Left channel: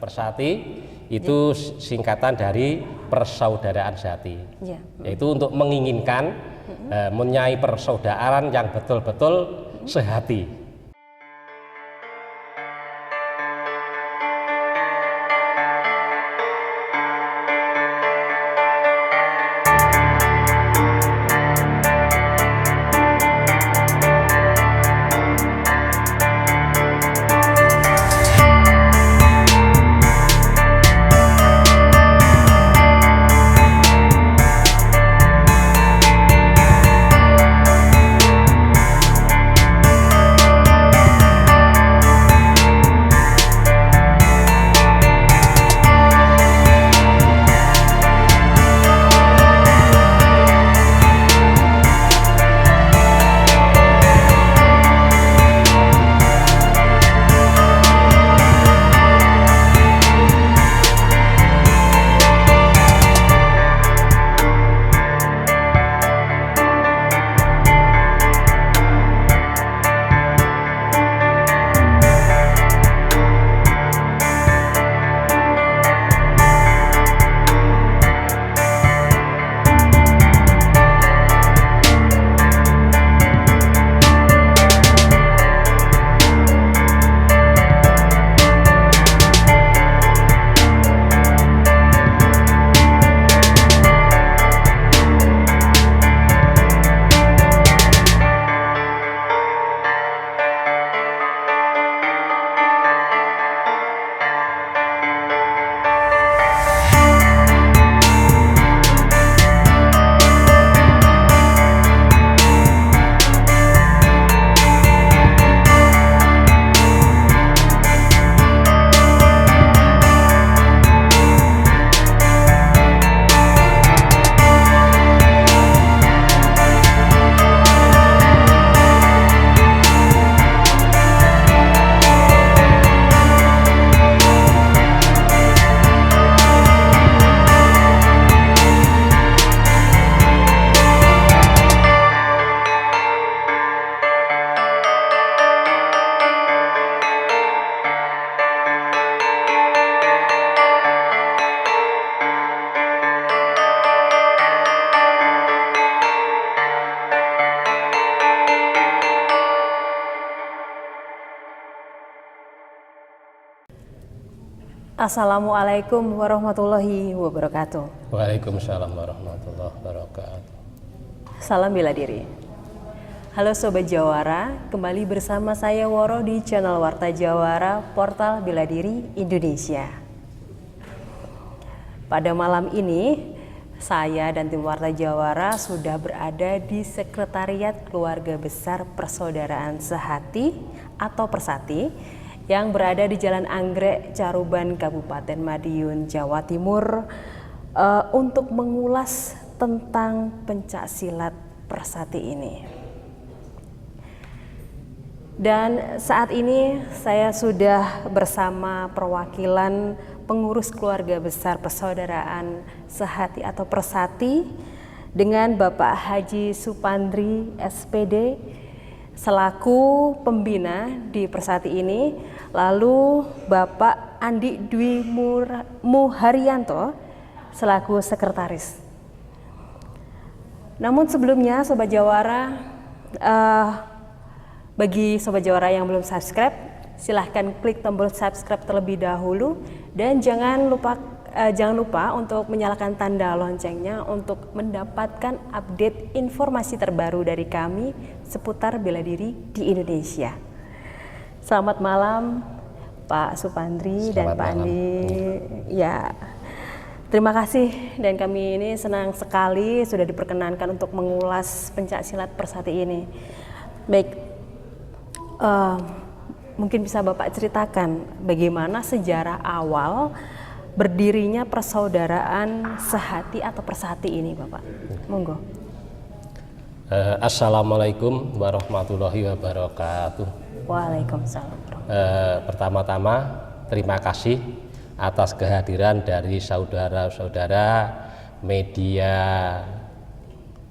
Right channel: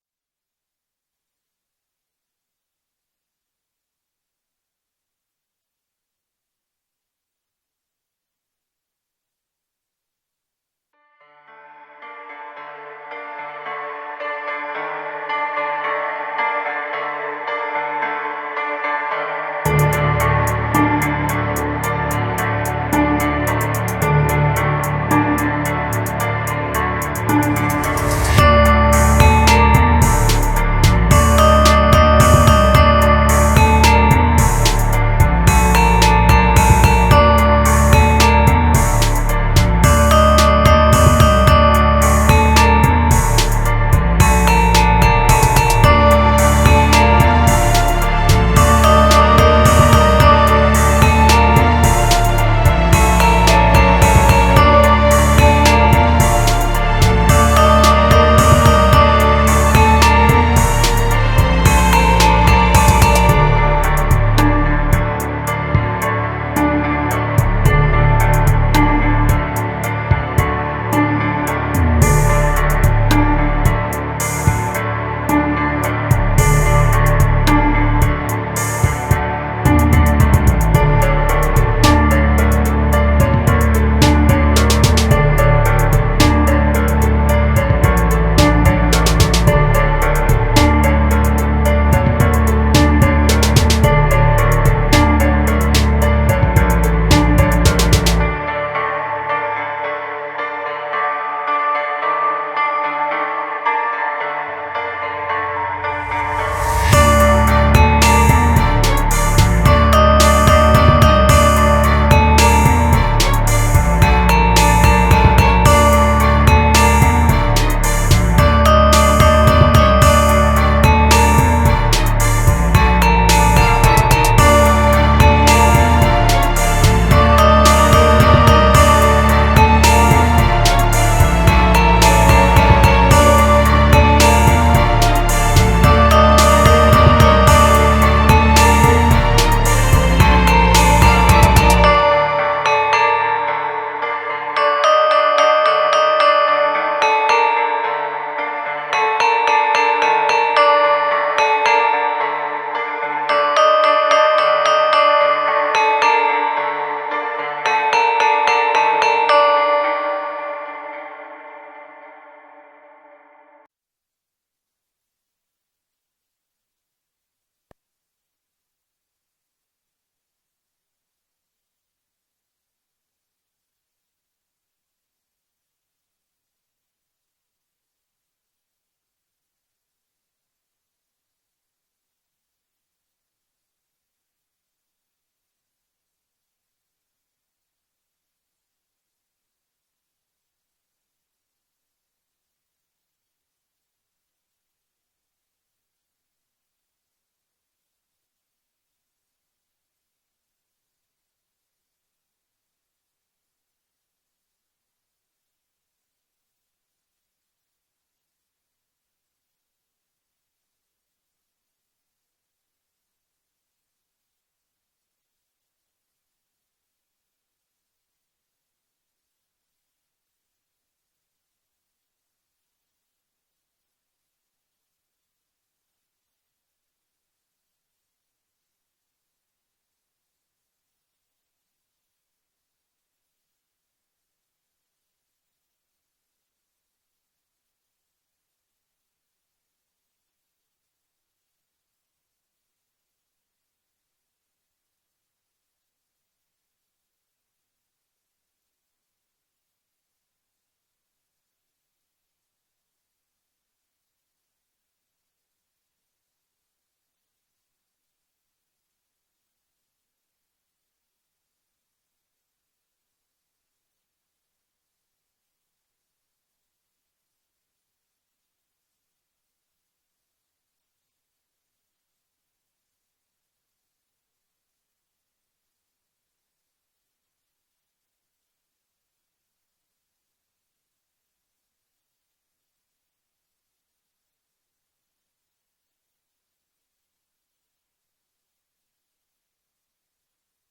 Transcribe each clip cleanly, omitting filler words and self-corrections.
Persati itu singkatan dari persaudaraan sejati, yaitu untuk menginginkan mempunyai persaudaraan yang betul-betul sehati. Assalamualaikum warahmatullahi wabarakatuh. Waalaikumsalam warahmatullahi wabarakatuh. Salam bela diri. Halo Sobat Jawara, kembali bersama saya Woro di channel Warta Jawara, Portal Bela Diri Indonesia. Pada malam ini, saya dan tim Warta Jawara sudah berada di Sekretariat Keluarga Besar Persaudaraan Sehati atau Persati yang berada di Jalan Anggrek, Caruban, Kabupaten Madiun, Jawa Timur, untuk mengulas tentang pencaksilat Persati ini. Dan saat ini saya sudah bersama perwakilan pengurus Keluarga Besar Persaudaraan Sehati atau Persati dengan Bapak Haji Supandri SPD selaku pembina di Persati ini, lalu Bapak Andi Dwi Muharyanto selaku sekretaris. Namun sebelumnya Sobat Jawara, bagi Sobat Jawara yang belum subscribe, silahkan klik tombol subscribe terlebih dahulu dan jangan lupa untuk menyalakan tanda loncengnya untuk mendapatkan update informasi terbaru dari kami seputar bela diri di Indonesia. Selamat malam Pak Supandri dan Pak Andi. Ya, terima kasih dan kami ini senang sekali sudah diperkenankan untuk mengulas pencaksilat Persati ini. Baik, mungkin bisa Bapak ceritakan bagaimana sejarah awal berdirinya Persaudaraan Sehati atau Persati ini, Bapak. Monggo. Assalamualaikum warahmatullahi wabarakatuh. Waalaikumsalam. Pertama-tama terima kasih atas kehadiran dari saudara-saudara media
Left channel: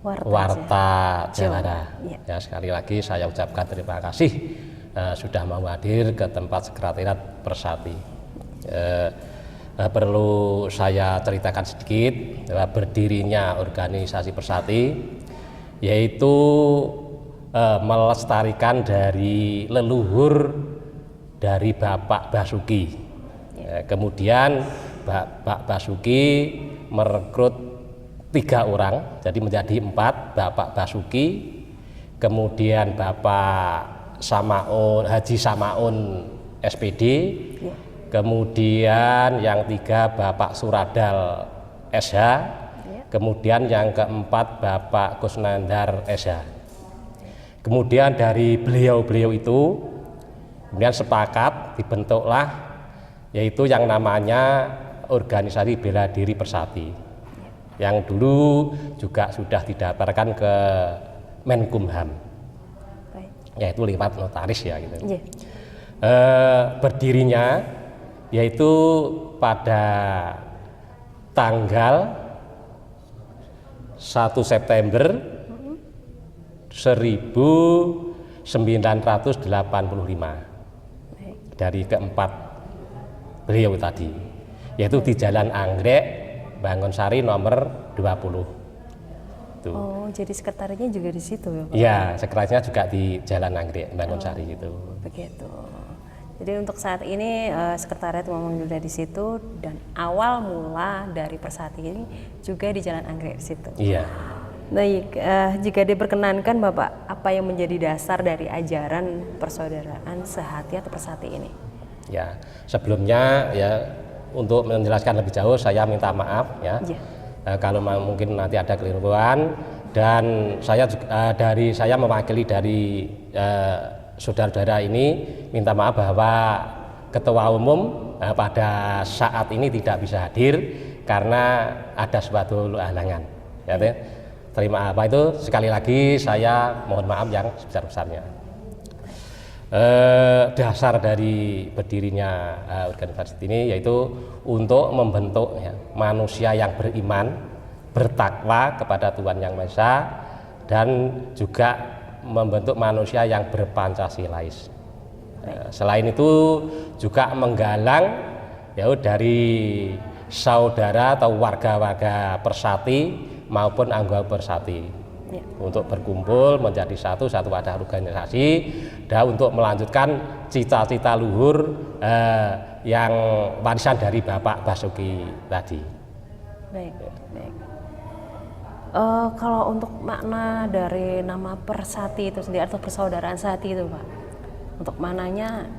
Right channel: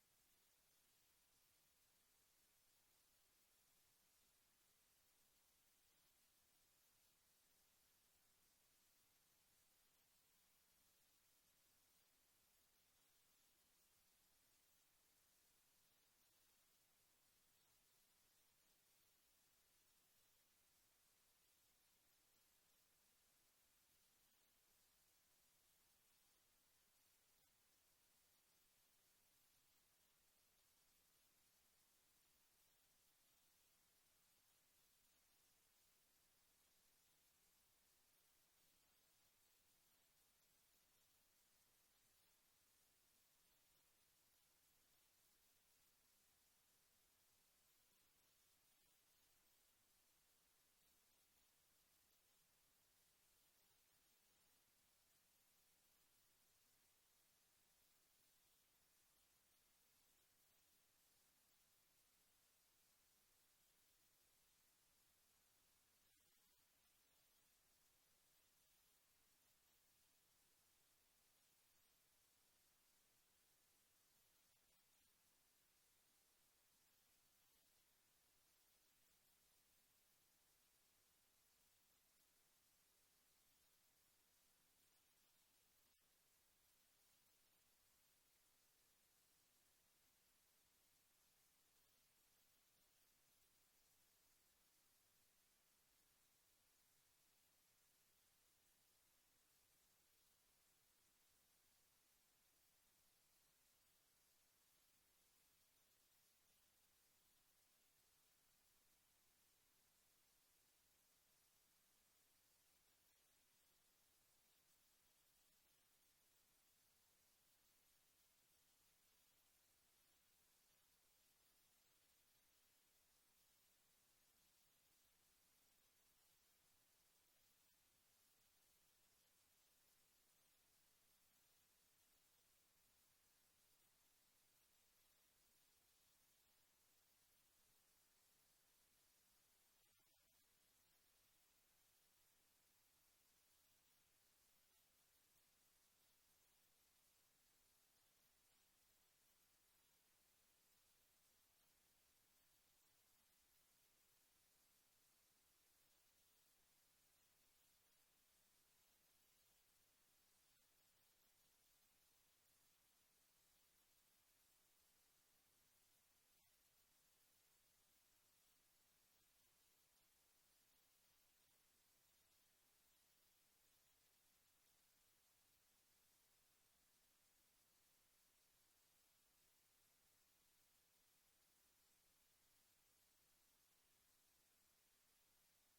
Warta Jawara. Ya, sekali lagi saya ucapkan terima kasih sudah mau hadir ke tempat Sekretariat Persati. Perlu saya ceritakan sedikit bahwa berdirinya organisasi Persati yaitu melestarikan dari leluhur dari Bapak Basuki. Kemudian Bapak Basuki merekrut 3 orang, jadi menjadi 4, Bapak Basuki, kemudian Bapak Haji Samaun SPD, kemudian yang 3 Bapak Suradal SH, kemudian yang keempat Bapak Kusnandar SH. Kemudian dari beliau-beliau itu kemudian sepakat dibentuklah yaitu yang namanya Organisasi Bela Diri Persati, yang dulu juga sudah didaftarkan ke Menkumham, yaitu lewat notaris ya gitu. Berdirinya yaitu pada tanggal 1 September 1985 dari keempat beliau tadi, yaitu di Jalan Anggrek, Bangonsari nomor 20. Tuh. Oh, jadi sekretariatnya juga di situ ya, Pak? Iya, sekretariatnya juga di Jalan Anggrek, Bangonsari gitu. Begitu. Jadi untuk saat ini sekretariat memang sudah di situ, dan awal mula dari Persati ini juga di Jalan Anggrek di situ. Iya. Baik, jika diperkenankan Bapak, apa yang menjadi dasar dari ajaran persaudaraan sehati atau Persati ini? Ya, sebelumnya ya untuk menjelaskan lebih jauh saya minta maaf ya. Kalau mungkin nanti ada keliruan, dan saya mewakili dari saudara-saudara ini minta maaf bahwa Ketua Umum pada saat ini tidak bisa hadir karena ada suatu halangan. Ya, terima apa itu sekali lagi saya mohon maaf yang sebesar-besarnya. Dasar dari berdirinya organisasi ini yaitu untuk membentuk ya, manusia yang beriman, bertakwa kepada Tuhan Yang Maha Esa, dan juga membentuk manusia yang berpancasilais. Selain itu juga menggalang ya dari saudara atau warga-warga Persati maupun anggota Persati untuk berkumpul menjadi satu wadah organisasi dan untuk melanjutkan cita-cita luhur yang warisan dari Bapak Basuki tadi. Baik. Kalau untuk makna dari nama Persati itu sendiri atau persaudaraan sehati itu, Pak, untuk maknanya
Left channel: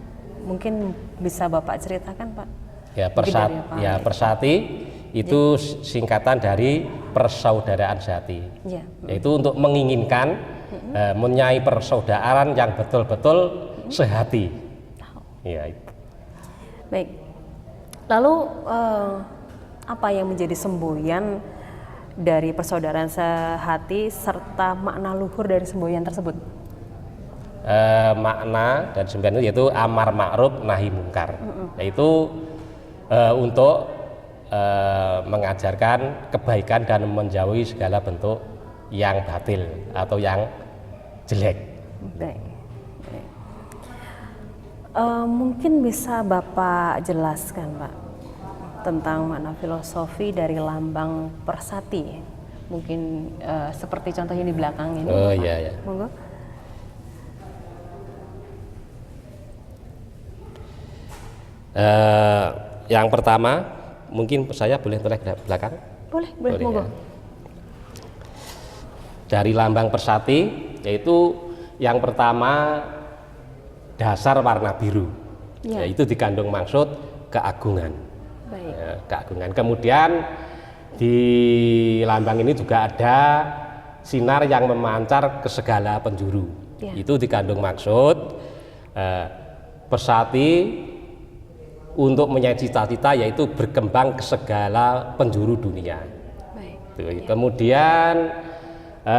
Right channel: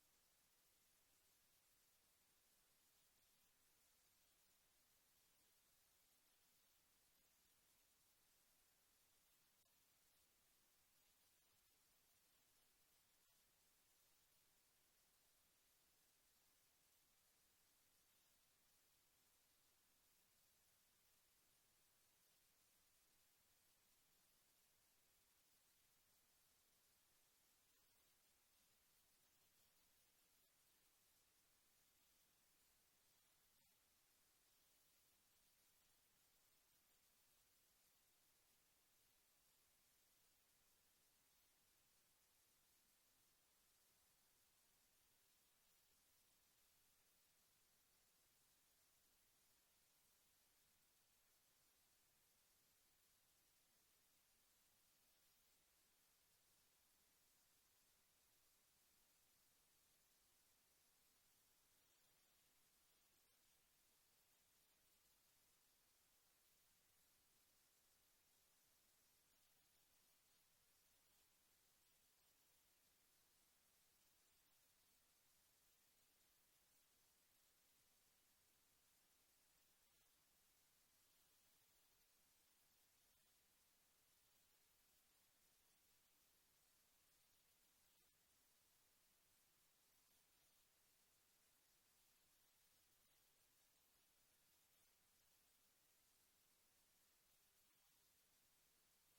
mungkin bisa Bapak ceritakan, Pak? Ya, Persati itu singkatan dari persaudaraan sehati, yaitu untuk menginginkan mempunyai persaudaraan yang betul-betul sehati. Ya. Baik. Lalu apa yang menjadi semboyan dari persaudaraan sehati serta makna luhur dari semboyan tersebut? Makna dan semboyan itu yaitu amar ma'ruf nahi mungkar, yaitu untuk mengajarkan kebaikan dan menjauhi segala bentuk yang batil atau yang jelek. Baik. Mungkin bisa Bapak jelaskan, Pak, tentang makna filosofi dari lambang Persati, mungkin seperti contohnya di belakang ini. Oh Bapak. iya. Monggo. Yang pertama, mungkin saya boleh toleh ke belakang? Boleh monggo. Ya. Dari lambang Persati, yaitu yang pertama dasar warna biru, yaitu dikandung maksud keagungan. Baik. Ya, keagungan. Kemudian di lambang ini juga ada sinar yang memancar ke segala penjuru. Itu dikandung maksud Persati untuk menyayi cita-cita yaitu berkembang ke segala penjuru dunia. Baik. Kemudian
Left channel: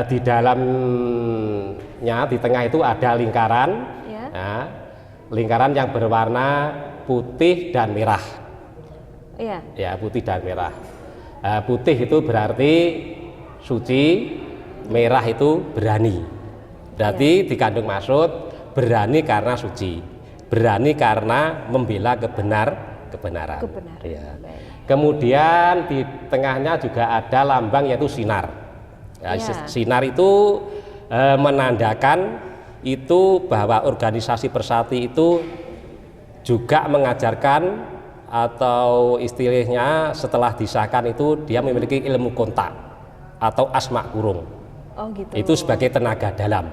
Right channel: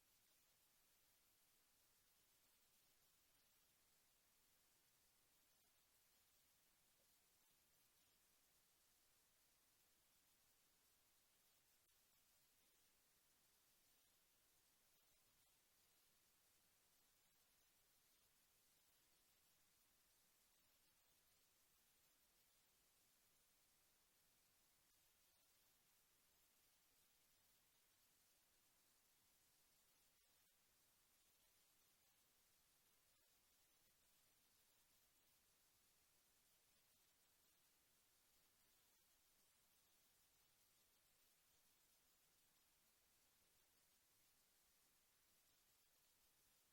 di dalamnya di tengah itu ada lingkaran, lingkaran yang berwarna putih dan merah. Ya, putih dan merah. Putih itu berarti suci, merah itu berani. Berarti dikandung maksud berani karena suci, berani karena membela kebenaran. Kebenaran. Ya. Baik. Kemudian di tengahnya juga ada lambang yaitu sinar. Ya, Ya. Sinar itu menandakan itu bahwa organisasi Persati itu juga mengajarkan atau istilahnya setelah disahkan itu dia memiliki ilmu kontak atau asma kurung. Oh gitu. Itu sebagai tenaga dalam.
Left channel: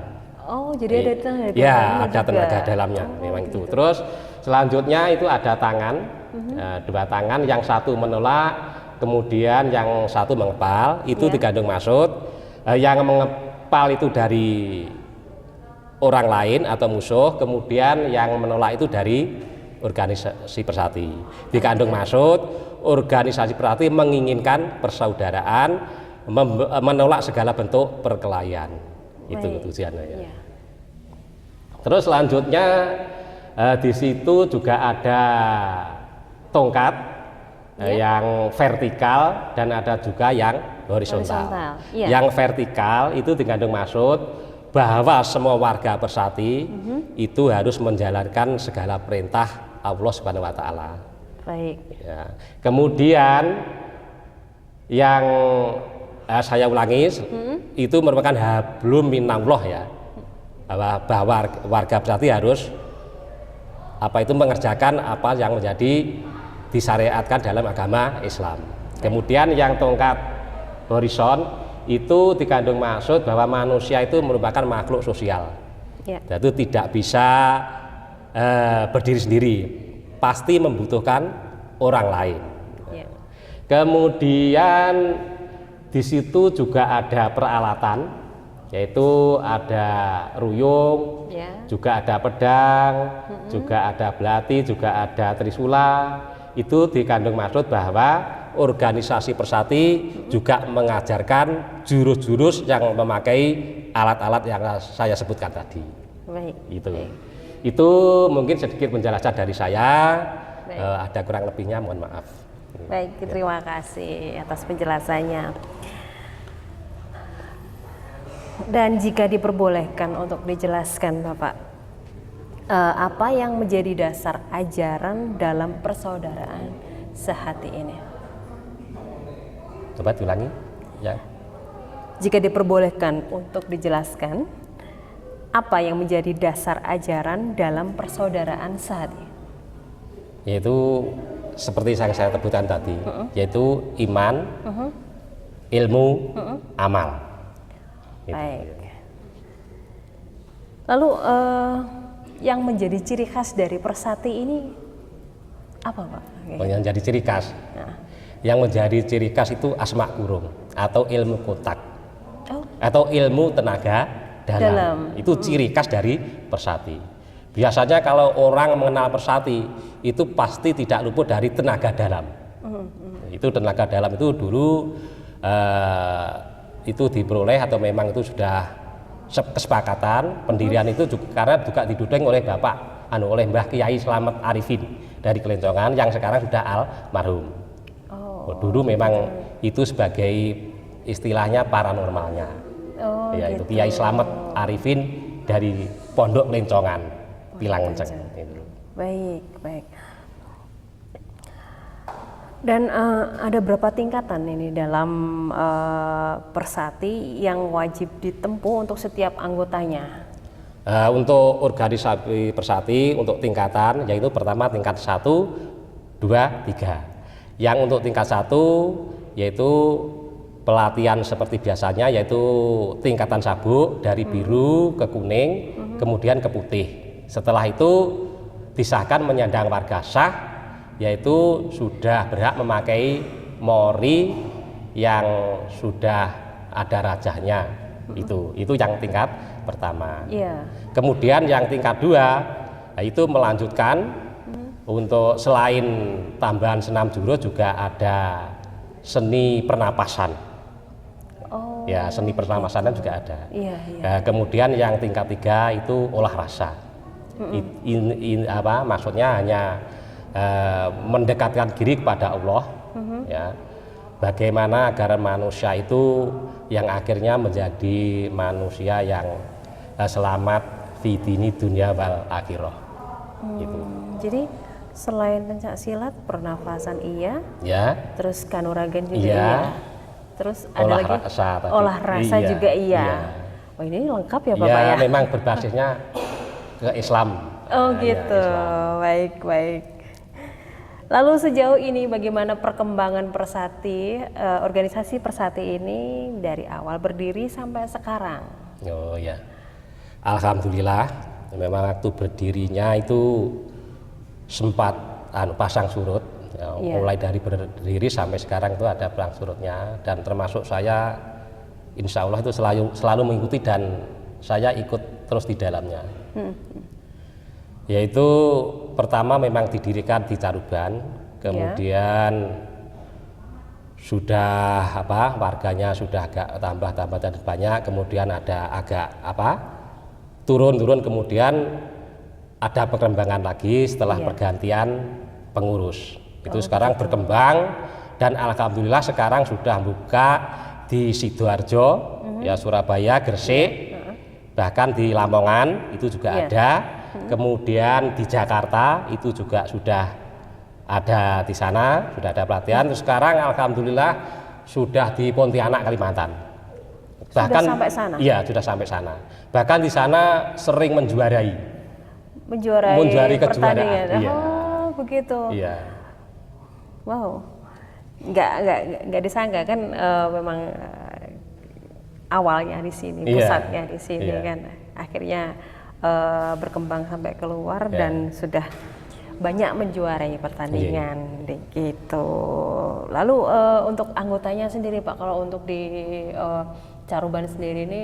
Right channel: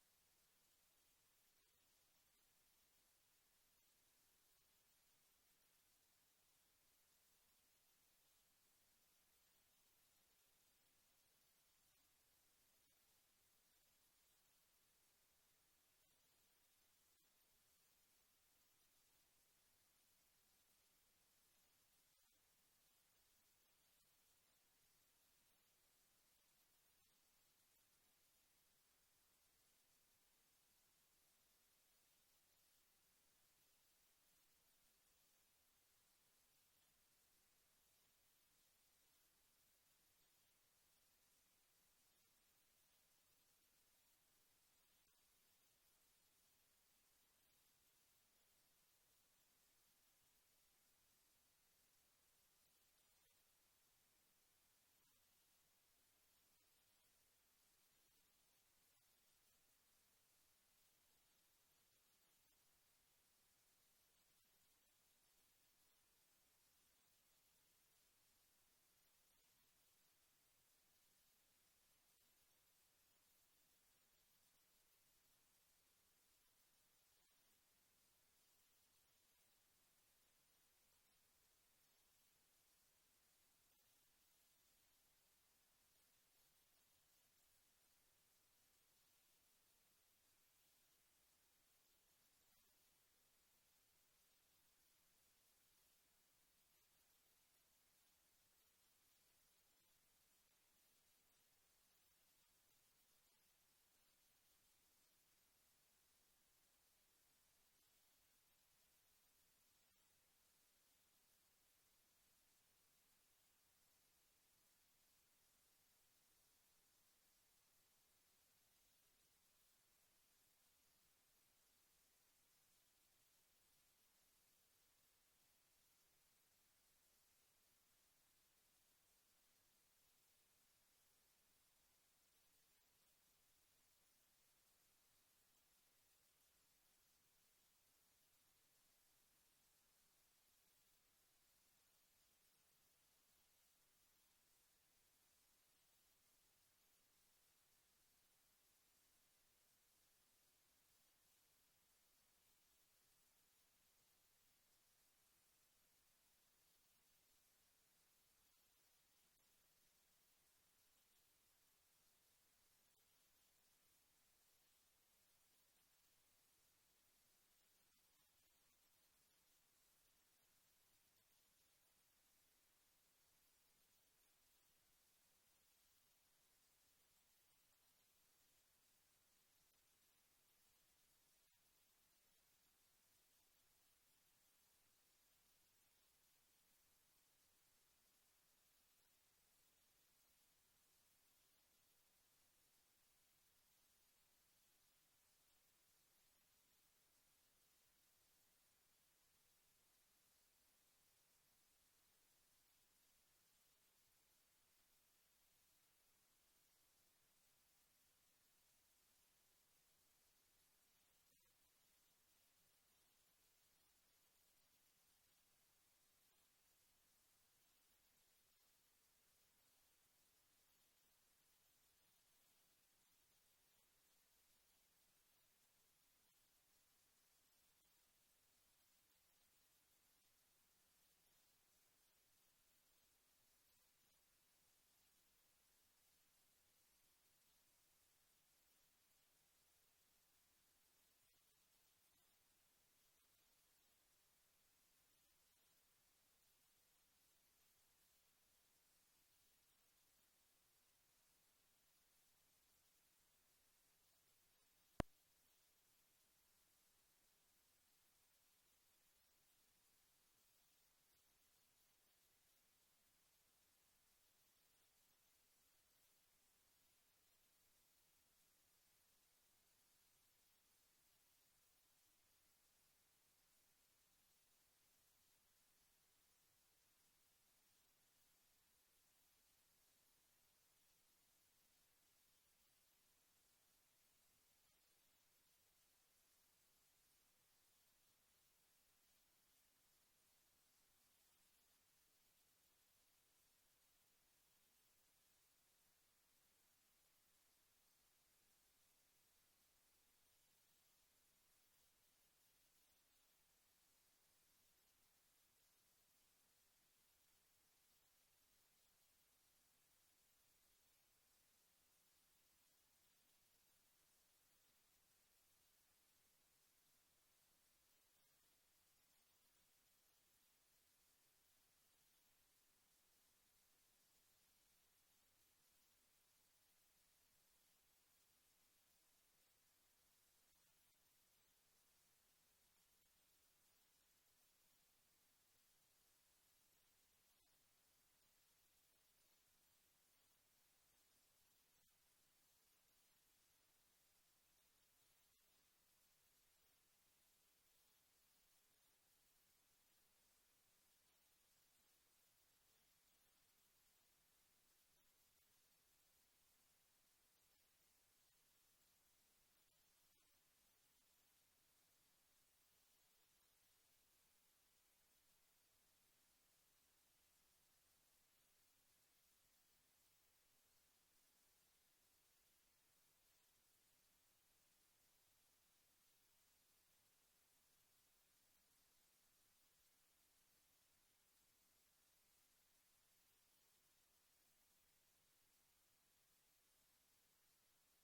Oh jadi ada tenaga Ya, dalamnya ada juga. tenaga dalamnya, memang itu. Terus selanjutnya itu ada tangan, dua tangan, yang satu menolak, kemudian yang satu mengepal, itu Ya. dikandung maksud. Yang mengepal itu dari orang lain atau musuh, kemudian yang menolak itu dari organisasi Persati. Dikandung maksud, organisasi Persati menginginkan persaudaraan, menolak segala bentuk perkelahian. Itu Baik. tujuannya ya. Iya. Terus selanjutnya di situ juga ada tongkat yang vertikal dan ada juga yang horizontal. Horizontal, iya. Yang vertikal itu dikandung maksud bahwa semua warga Persati itu harus menjalankan segala perintah Allah Subhanahu wa taala. Baik. Ya. Kemudian yang saya ulangi itu merupakan hablum minallah ya. Bahwa warga Persati harus itu mengerjakan apa yang menjadi disyariatkan dalam agama Islam. Kemudian yang tongkat horizon itu dikandung maksud bahwa manusia itu merupakan makhluk sosial. Ya. Itu tidak bisa berdiri sendiri, pasti membutuhkan orang lain. Ya. Kemudian di situ juga ada peralatan, yaitu ada ruyung, Ya. juga ada pedang, juga ada belati, juga ada trisula. Itu dikandung maksud bahwa organisasi Persati juga mengajarkan jurus-jurus yang memakai alat-alat yang saya sebutkan tadi. Baik. Itu mungkin sedikit penjelasan dari saya. Baik. Ada kurang lebihnya mohon maaf. Baik, terima kasih atas penjelasannya. Dan jika diperbolehkan untuk dijelaskan Bapak, apa yang menjadi dasar ajaran dalam persaudaraan sehati ini? Coba diulangi. Ya. Jika diperbolehkan untuk dijelaskan, apa yang menjadi dasar ajaran dalam persaudaraan sehati? Yaitu seperti yang saya sebutkan tadi, yaitu iman, ilmu, amal. Baik. Lalu yang menjadi ciri khas dari Persati ini apa Pak? Yang menjadi ciri khas. Yang menjadi ciri khas itu asma kurung atau ilmu kontak atau ilmu tenaga dalam. Itu ciri khas dari Persati. Biasanya kalau orang mengenal Persati itu pasti tidak luput dari tenaga dalam. Itu tenaga dalam itu dulu itu diperoleh atau memang itu sudah kesepakatan pendirian itu juga, karena juga didukung oleh Bapak oleh Mbah Kiai Slamet Arifin dari Kelencongan yang sekarang sudah almarhum. Dulu memang itu sebagai istilahnya paranormalnya. Ya, itu Kiai Slamet Arifin dari Pondok Lencongan, Pilang Enceng. Baik, baik. Dan ada berapa tingkatan ini dalam Persati yang wajib ditempuh untuk setiap anggotanya? Untuk organisasi Persati untuk tingkatan yaitu pertama tingkat 1, 2, 3. Yang untuk tingkat 1 yaitu pelatihan seperti biasanya yaitu tingkatan sabuk dari biru ke kuning kemudian ke putih. Setelah itu disahkan menyandang warga sah, yaitu sudah berhak memakai mori yang sudah ada rajahnya. Itu yang tingkat pertama. Kemudian yang tingkat 2 itu melanjutkan untuk selain tambahan senam jurus juga ada seni pernapasan. Ya, seni pernapasan juga ada. Kemudian yang tingkat 3 itu olah rasa. Maksudnya hanya mendekatkan diri kepada Allah, ya. Bagaimana agar manusia itu yang akhirnya menjadi manusia yang selamat fi dini dunia wal akhirah. Gitu. Jadi Selain pencak silat, pernafasan iya, Ya, terus kanuragan juga Iya. iya. Terus ada olah lagi rasa tadi. olah rasa Iya, juga iya. iya. Oh ini lengkap ya Ya, Bapak ya? memang berbasisnya ke Islam. Oh Nah, ya, gitu, Islam. baik baik. Lalu sejauh ini bagaimana perkembangan Persati, organisasi Persati ini dari awal berdiri sampai sekarang? Oh ya, alhamdulillah. Memang waktu berdirinya itu sempat pasang surut. Ya, Iya. mulai dari berdiri sampai sekarang itu ada pasang surutnya, dan termasuk saya, insya Allah itu selalu mengikuti dan saya ikut terus di dalamnya. Yaitu pertama memang didirikan di Caruban, kemudian sudah warganya sudah agak tambah dan banyak, kemudian ada agak turun, kemudian ada perkembangan lagi setelah pergantian pengurus. Itu sekarang berkembang, dan alhamdulillah sekarang sudah buka di Sidoarjo, ya Surabaya, Gresik, bahkan di Lamongan itu juga ada. Kemudian di Jakarta itu juga sudah ada di sana, sudah ada pelatihan. Terus sekarang alhamdulillah sudah di Pontianak, Kalimantan. Bahkan Sudah sampai sana? Iya, sudah sampai sana. Bahkan di sana sering menjuarai Menjuarai kejuaraan. pertandingan. Iya. Oh begitu. Iya. Wow, nggak disangka kan, memang awalnya di sini, Iya. pusatnya di sini Iya. kan, akhirnya berkembang sampai keluar Iya. dan sudah banyak menjuarai pertandingan gitu. Lalu untuk anggotanya sendiri Pak, kalau untuk di Caruban sendiri ini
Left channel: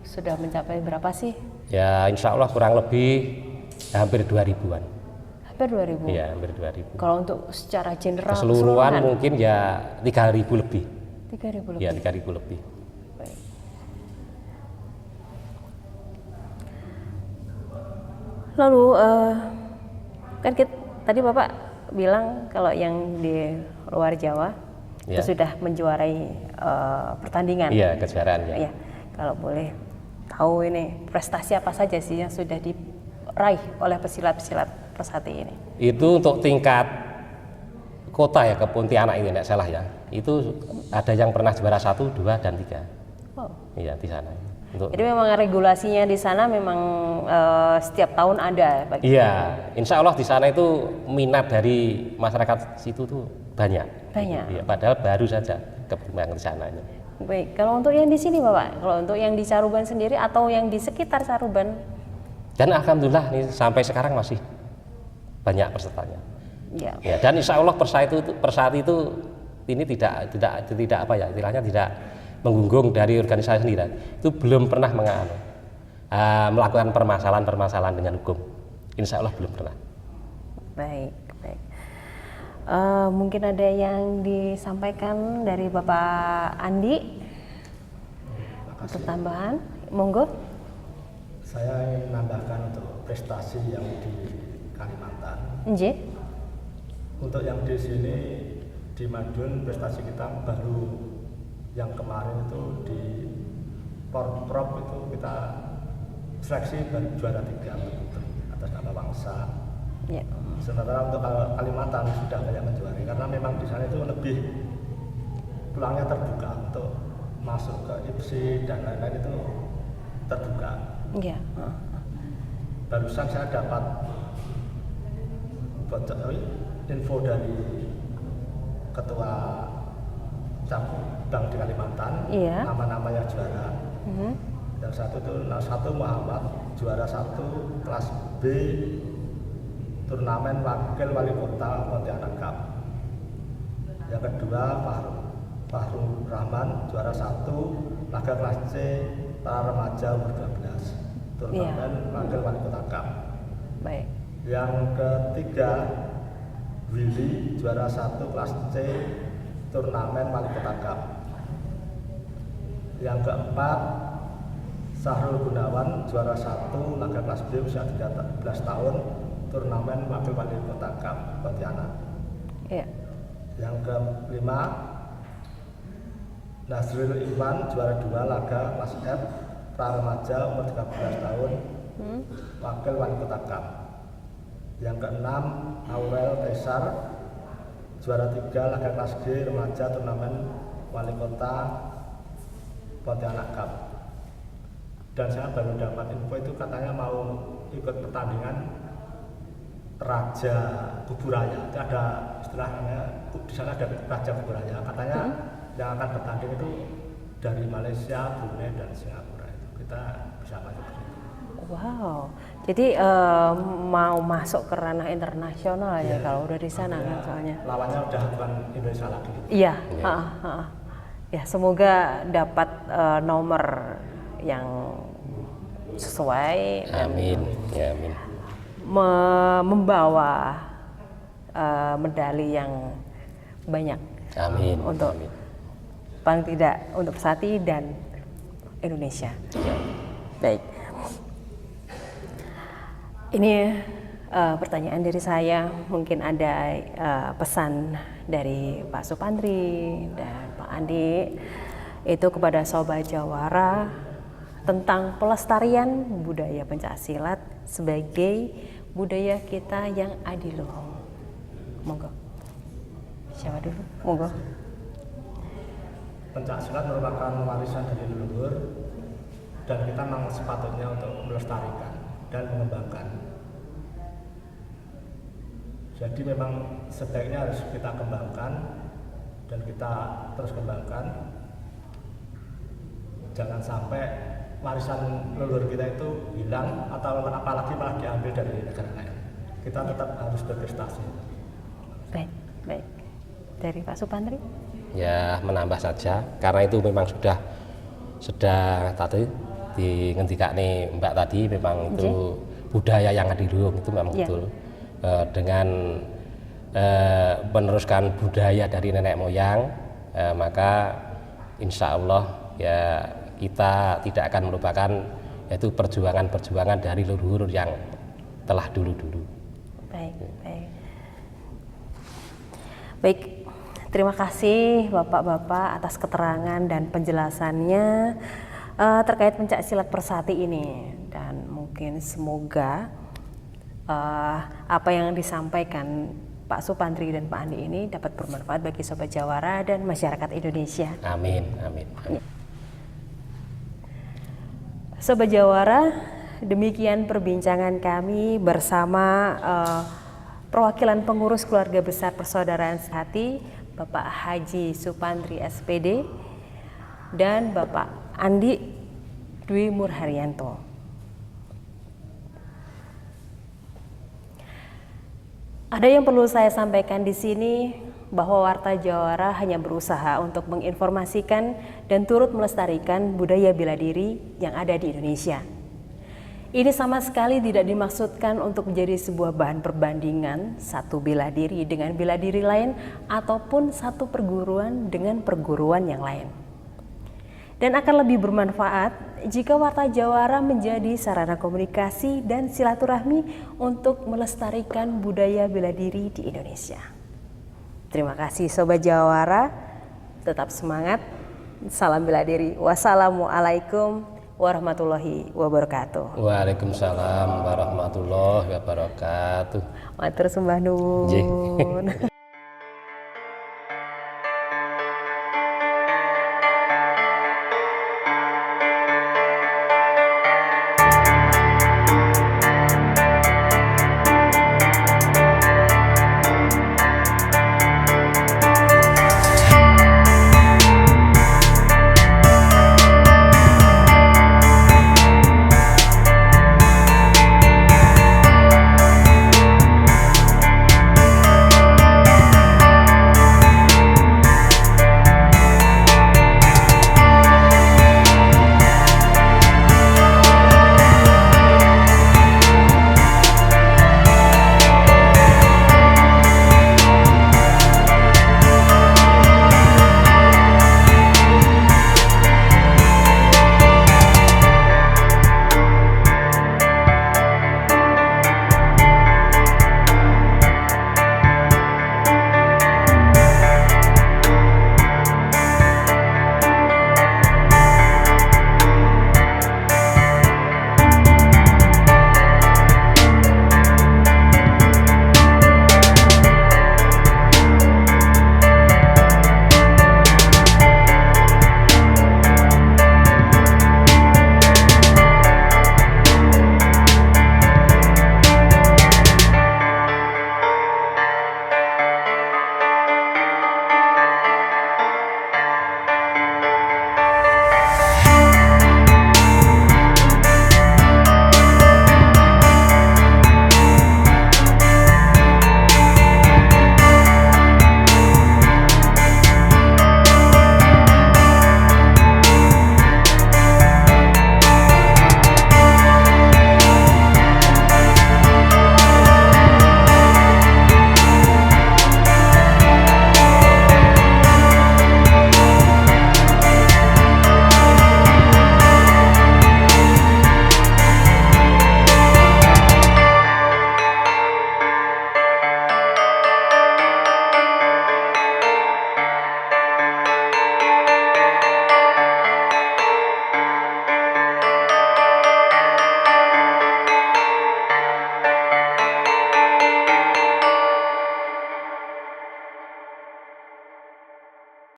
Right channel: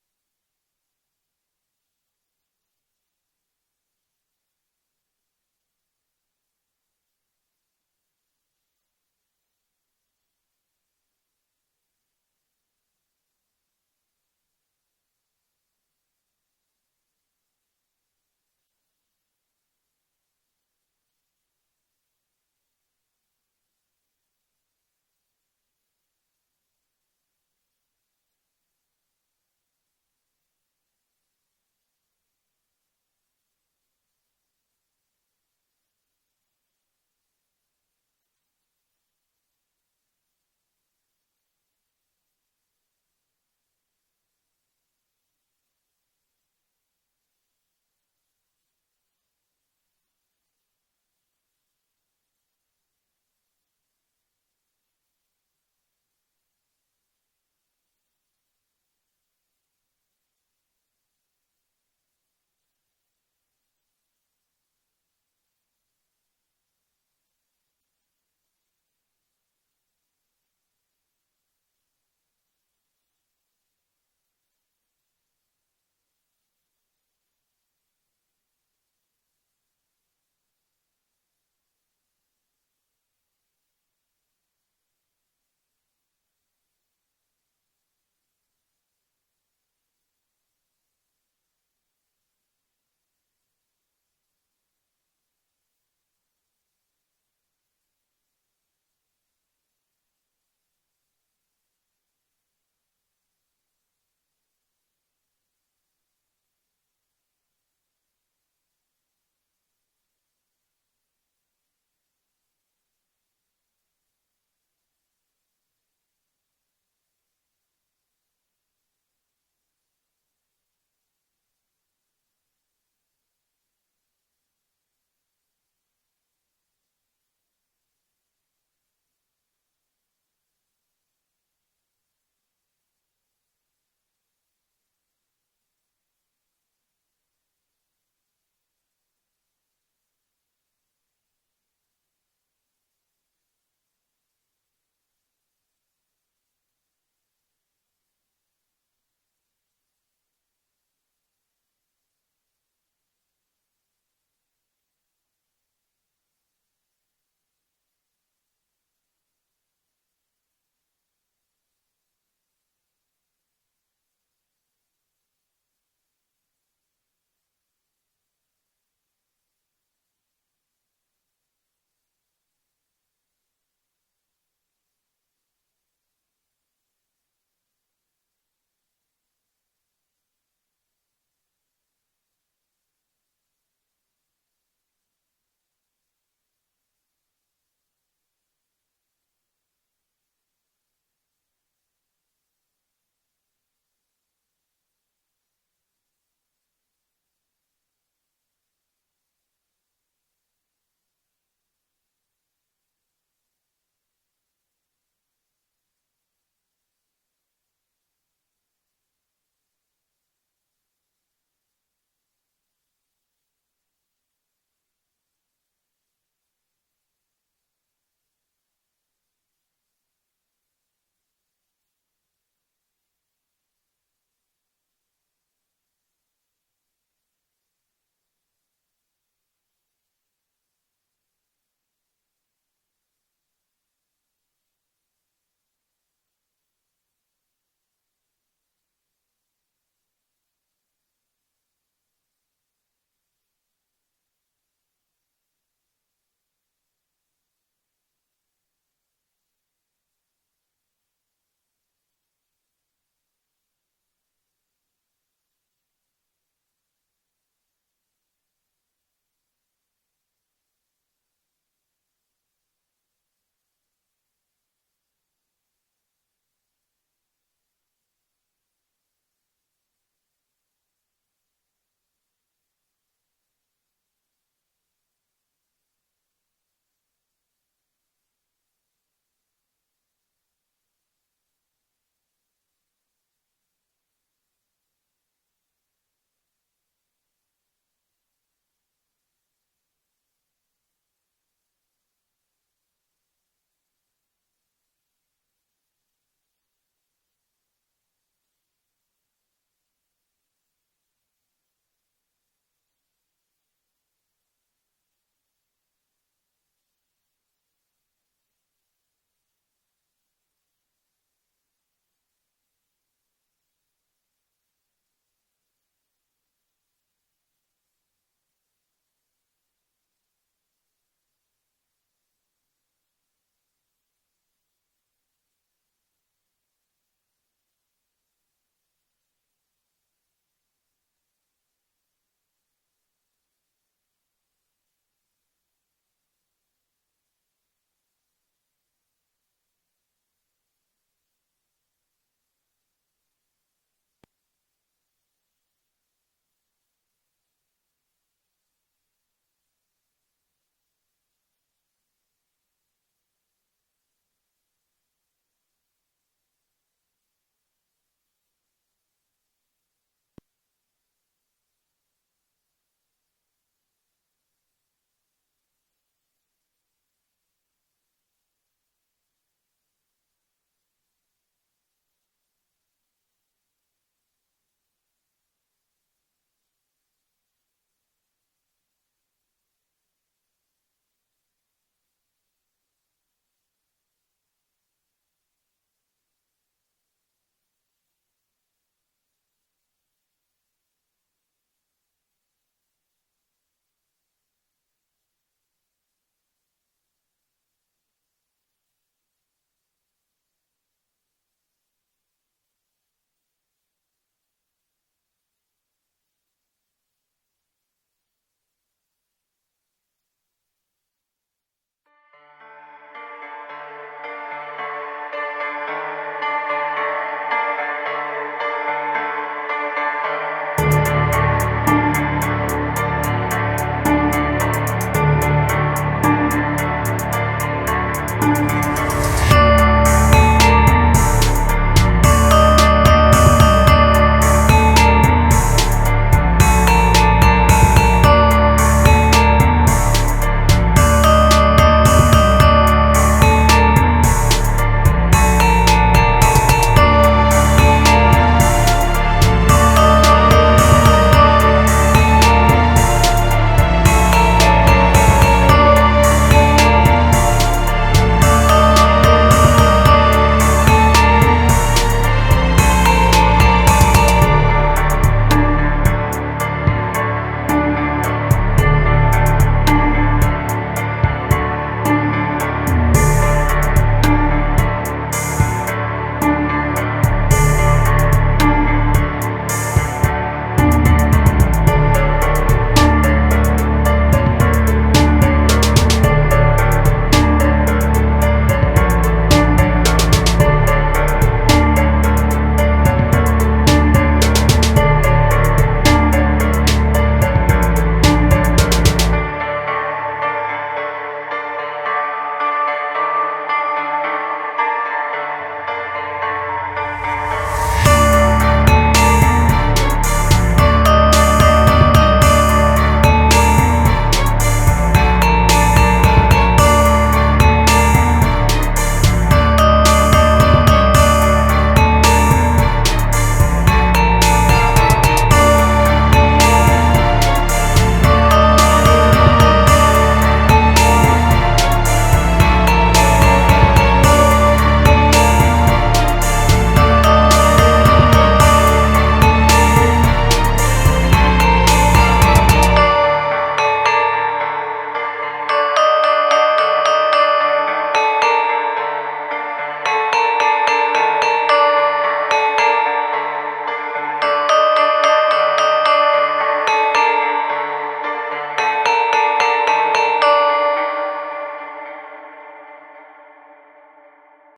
sudah mencapai berapa sih? Ya, insya Allah kurang lebih hampir 2000-an. Hampir 2000. Iya, hampir 2000. Kalau untuk secara general Keseluruhan mungkin ya 3000 lebih. 3000 lebih. Ya, 3000 lebih. Baik. Lalu kan tadi Bapak bilang kalau yang di luar Jawa Ya. itu sudah menjuarai pertandingan. Iya, kejuaraan ya. Iya. Kalau boleh tahu ini prestasi apa saja sih yang sudah diraih oleh pesilat-pesilat Persati ini? Itu untuk tingkat kota ya, ke Pontianak ini, tidak salah ya. Itu ada yang pernah juara 1, 2, dan 3. Wow. Iya, di sana. Untuk Jadi memang regulasinya di sana memang setiap tahun ada. Iya, insya Allah di sana itu minat dari masyarakat situ tuh banyak. Banyak. Iya, padahal baru saja kembang di sana. Baik, kalau untuk yang di sini Bapak, kalau untuk yang di Caruban sendiri atau yang di sekitar Caruban? Dan alhamdulillah nih sampai sekarang masih banyak pesertanya. Ya. Ya, dan insya Allah Persati itu ini tidak istilahnya tidak menggunggung dari organisasi sendiri. Itu belum pernah melakukan permasalahan dengan hukum. Insya Allah belum pernah. Baik, baik. Mungkin ada yang disampaikan dari Bapak Andi untuk tambahan, monggo. Saya ingin menambahkan untuk prestasi yang di Kalimantan. Nggih. Untuk yang di sini di Madiun prestasi kita baru yang kemarin itu di Porprov itu kita seleksi baru juara 3 putri atas nama bangsa. Ya. Sementara untuk Kalimantan sudah banyak menjuarai karena memang di sana itu lebih peluangnya terbuka untuk masuk ke IPSI dan lain-lain itu terbuka. Iya. Barusan saya dapat info dari ketua cabang di Kalimantan, Iya. nama-namanya juara. Yang satu Muhammad juara 1 kelas B turnamen wakil wali kota Pontianak Cup. Yang kedua Fahrul Rahman juara 1 laga kelas C para remaja umur 12 turnamen wakil wali kota Cup. Baik. Yang ketiga Willy juara 1 kelas C turnamen wali kota Cup. Yang keempat Sahrul Gunawan juara 1 laga kelas B usia 13 tahun turnamen wakil wali kota Cup Pontianak. Iya. Yang kelima Nasrul Iwan juara 2 laga kelas F pra remaja umur 13 tahun wakil wali kota Cup. Yang keenam Aurel Kaisar, juara 3 laga kelas G remaja turnamen wali kota Pontianak Cup. Dan saya baru dapat info itu katanya mau ikut pertandingan Raja Kuburaya. Itu ada istilahnya di sana ada Raja Kuburaya. Katanya yang akan bertanding itu dari Malaysia, Brunei dan Singapura. Itu kita bisa masuk ke situ. Wow, jadi mau masuk ke ranah internasional ya kalau udah di sana kan soalnya. Lawannya udah bukan Indonesia lagi. Iya, ya semoga dapat nomor yang sesuai dan Amin. Ya, amin. membawa medali yang banyak Amin. untuk Amin. paling tidak untuk Pesati dan Indonesia. Baik. Ini pertanyaan dari saya, mungkin ada pesan dari Pak Supandri dan Pak Andi itu kepada Sobat Jawara tentang pelestarian budaya pencaksilat sebagai budaya kita yang adiluhung. Monggo. Siapa dulu? Monggo. Pencaksilat merupakan warisan dari leluhur dan kita memang sepatutnya untuk melestarikan dan mengembangkan. Jadi memang sebaiknya harus kita kembangkan dan kita terus kembangkan. Jangan sampai warisan leluhur kita itu hilang atau apalagi malah diambil dari negara lain. Kita tetap harus berprestasi. Baik, baik. Dari Pak Supandri? Ya, menambah saja karena itu memang sudah tadi dingendikane Mbak tadi memang itu budaya yang adiluhung itu memang betul. Dengan meneruskan budaya dari nenek moyang, maka insya Allah ya kita tidak akan melupakan yaitu perjuangan dari leluhur yang telah dulu-dulu. Baik, baik. Baik, terima kasih Bapak-bapak atas keterangan dan penjelasannya terkait pencaksilat Persati ini, dan mungkin semoga apa yang disampaikan Pak Supandri dan Pak Andi ini dapat bermanfaat bagi Sobat Jawara dan masyarakat Indonesia. Amin, amin, amin. Sobat Jawara, demikian perbincangan kami bersama perwakilan pengurus keluarga besar Persaudaraan Sehati, Bapak Haji Supandri SPD dan Bapak Andi Dwi Murharyanto. Ada yang perlu saya sampaikan di sini bahwa Warta Jawara hanya berusaha untuk menginformasikan dan turut melestarikan budaya bela diri yang ada di Indonesia. Ini sama sekali tidak dimaksudkan untuk menjadi sebuah bahan perbandingan satu bela diri dengan bela diri lain ataupun satu perguruan dengan perguruan yang lain. Dan akan lebih bermanfaat jika Warta Jawara menjadi sarana komunikasi dan silaturahmi untuk melestarikan budaya bela diri di Indonesia. Terima kasih Sobat Jawara, tetap semangat, salam bela diri. Wassalamualaikum warahmatullahi wabarakatuh. Waalaikumsalam warahmatullahi wabarakatuh. Matur sembah nuwun.